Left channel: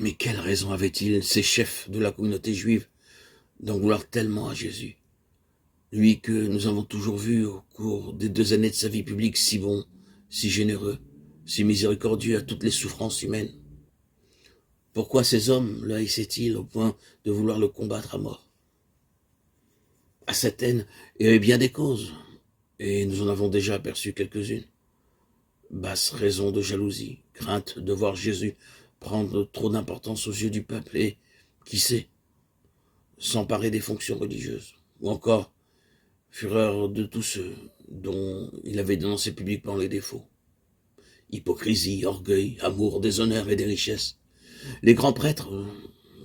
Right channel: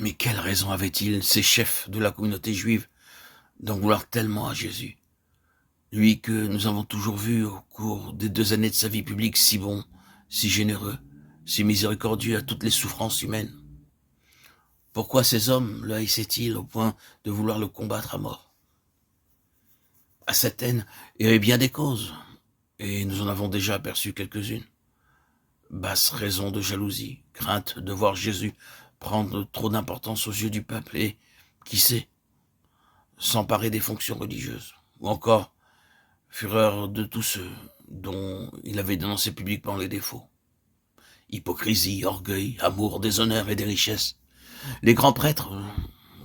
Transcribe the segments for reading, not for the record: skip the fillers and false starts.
Mais quelle raison avaient-ils, ces chefs de la communauté juive, d'en vouloir tellement à Jésus? Lui que nous avons toujours vu au cours des 2 années de sa vie publique si bon, si généreux, si miséricordieux à toutes les souffrances humaines. Pourquoi ces hommes le haïssaient-ils au point de vouloir le combattre à mort? À cette haine, il y avait bien des causes, et nous en avons déjà aperçu quelques-unes. Basse raison de jalousie, crainte de voir Jésus prendre trop d'importance aux yeux du peuple et, qui sait, s'emparer des fonctions religieuses, ou encore fureur de tous ceux dont il avait dénoncé publiquement les défauts. Hypocrisie, orgueil, amour des honneurs et des richesses. Les grands prêtres,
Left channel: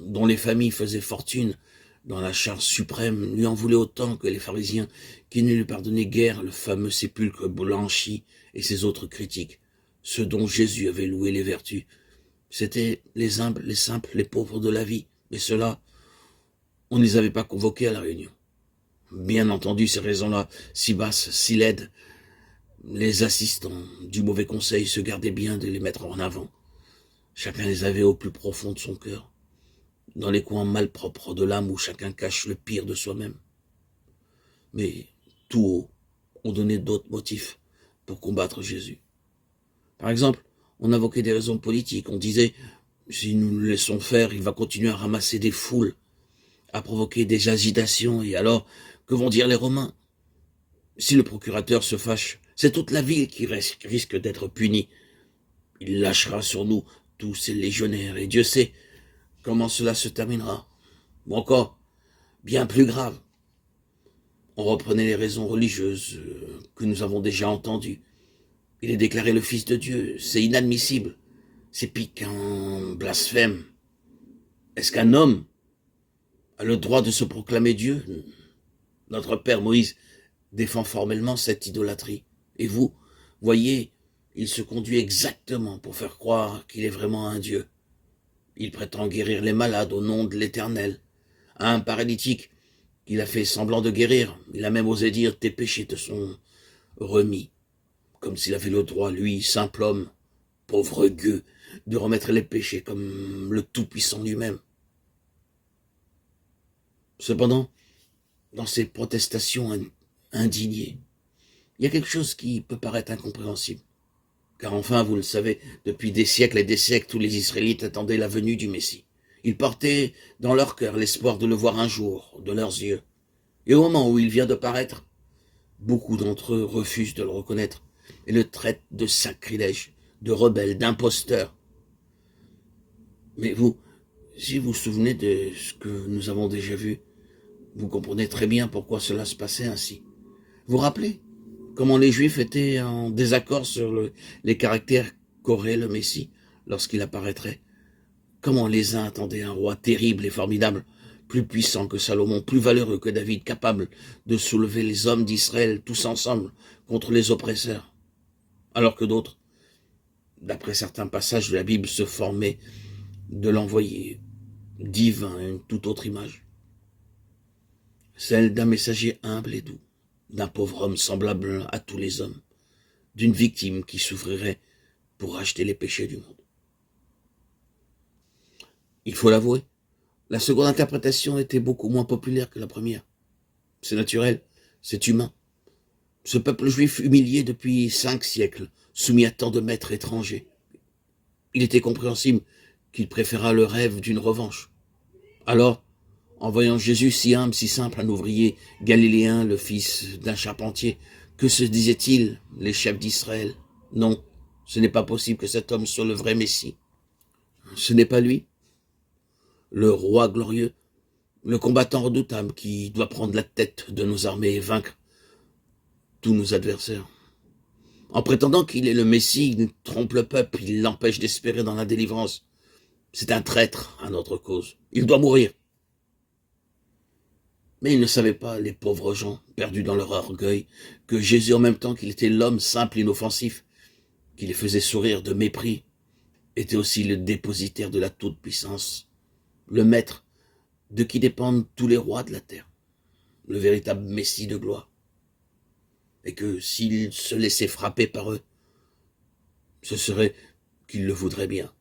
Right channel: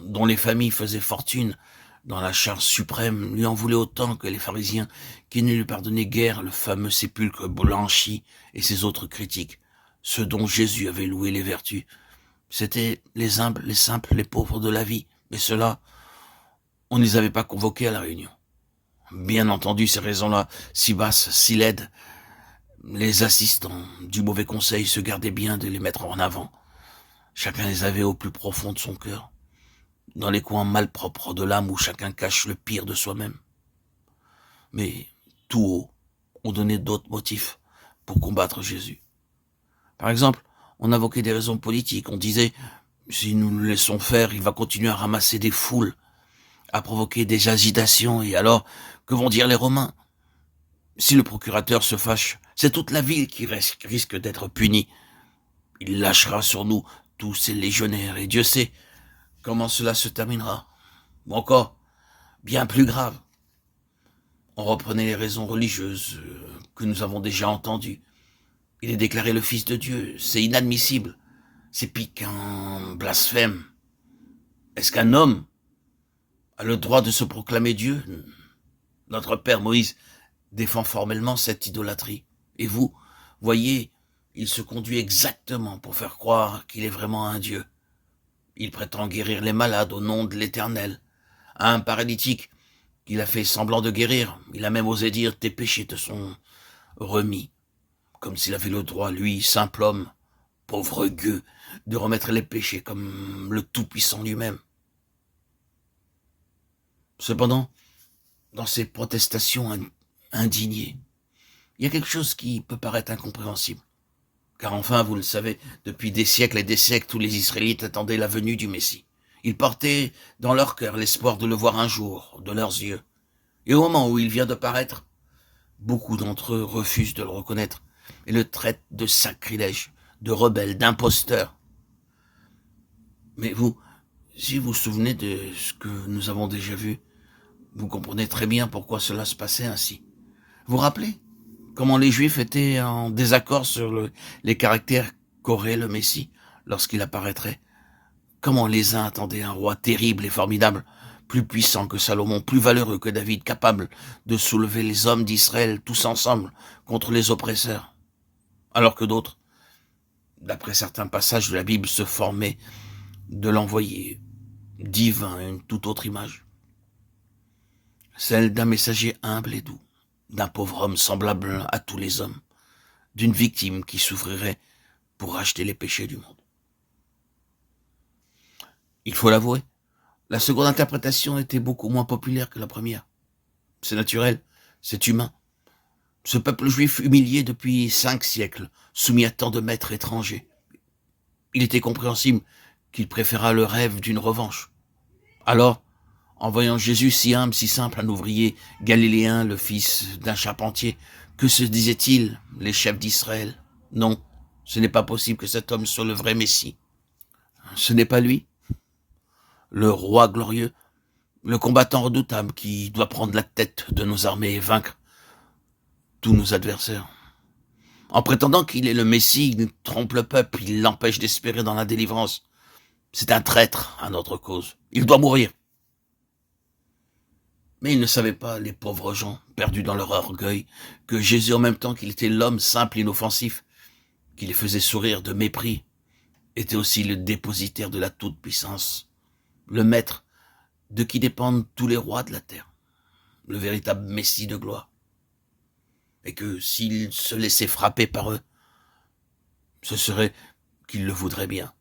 dont les familles faisaient fortune dans la charge suprême, lui en voulaient autant que les pharisiens, qui ne lui pardonnaient guère le fameux sépulcre blanchi et ses autres critiques, ceux dont Jésus avait loué les vertus. C'étaient les humbles, les simples, les pauvres de la vie, mais ceux-là, on ne les avait pas convoqués à la réunion. Bien entendu, ces raisons-là, si basses, si laides, les assistants du mauvais conseil se gardaient bien de les mettre en avant. Chacun les avait au plus profond de son cœur, dans les coins malpropres de l'âme où chacun cache le pire de soi-même. Mais, tout haut, on donnait d'autres motifs pour combattre Jésus. Par exemple, on invoquait des raisons politiques. On disait, si nous le laissons faire, il va continuer à ramasser des foules, à provoquer des agitations, et alors, que vont dire les Romains? Si le procurateur se fâche, c'est toute la ville qui risque d'être punie. Il lâchera sur nous tous ces légionnaires, et Dieu sait comment cela se terminera. Ou encore, bien plus grave, on reprenait les raisons religieuses que nous avons déjà entendues. Il est déclaré le Fils de Dieu, c'est inadmissible, c'est piquant, blasphème. Est-ce qu'un homme a le droit de se proclamer Dieu? Notre père Moïse défend formellement cette idolâtrie. Et vous, voyez, il se conduit exactement pour faire croire qu'il est vraiment un Dieu. Il prétend guérir les malades au nom de l'Éternel. À un paralytique qu'il a fait semblant de guérir, il a même osé dire « tes péchés te sont remis », comme s'il avait le droit, lui, simple homme, pauvre gueux, de remettre les péchés comme le Tout-Puissant lui-même. Cependant, dans ces protestations indignées, il y a quelque chose qui peut paraître incompréhensible. Car enfin, vous le savez, depuis des siècles et des siècles, tous les Israélites attendaient la venue du Messie. Ils portaient dans leur cœur l'espoir de le voir un jour, de leurs yeux. Et au moment où il vient de paraître, beaucoup d'entre eux refusent de le reconnaître et le traitent de sacrilège, de rebelle, d'imposteur. Mais vous, si vous vous souvenez de ce que nous avons déjà vu, vous comprenez très bien pourquoi cela se passait ainsi. Vous vous rappelez comment les Juifs étaient en désaccord sur les caractères qu'aurait le Messie lorsqu'il apparaîtrait? Comment les uns attendaient un roi terrible et formidable, plus puissant que Salomon, plus valeureux que David, capable de soulever les hommes d'Israël tous ensemble contre les oppresseurs, alors que d'autres, d'après certains passages de la Bible, se formaient de l'envoyé divin à une toute autre image, celle d'un messager humble et doux, d'un pauvre homme semblable à tous les hommes, d'une victime qui souffrirait pour racheter les péchés du monde. Il faut l'avouer, la seconde interprétation était beaucoup moins populaire que la première. C'est naturel, c'est humain. Ce peuple juif humilié depuis 5 siècles, soumis à tant de maîtres étrangers, il était compréhensible qu'il préférât le rêve d'une revanche. Alors, en voyant Jésus si humble, si simple, un ouvrier galiléen, le fils d'un charpentier, que se disaient-ils, les chefs d'Israël? Non, ce n'est pas possible que cet homme soit le vrai Messie. Ce n'est pas lui, le roi glorieux, le combattant redoutable qui doit prendre la tête de nos armées et vaincre tous nos adversaires. En prétendant qu'il est le Messie, il trompe le peuple, il l'empêche d'espérer dans la délivrance. C'est un traître à notre cause. Il doit mourir. Mais ils ne savaient pas, les pauvres gens, perdus dans leur orgueil, que Jésus, en même temps qu'il était l'homme simple, inoffensif, qui les faisait sourire de mépris, était aussi le dépositaire de la toute-puissance, le maître de qui dépendent tous les rois de la terre, le véritable Messie de gloire. Et que s'il se laissait frapper par eux, ce serait qu'il le voudrait bien.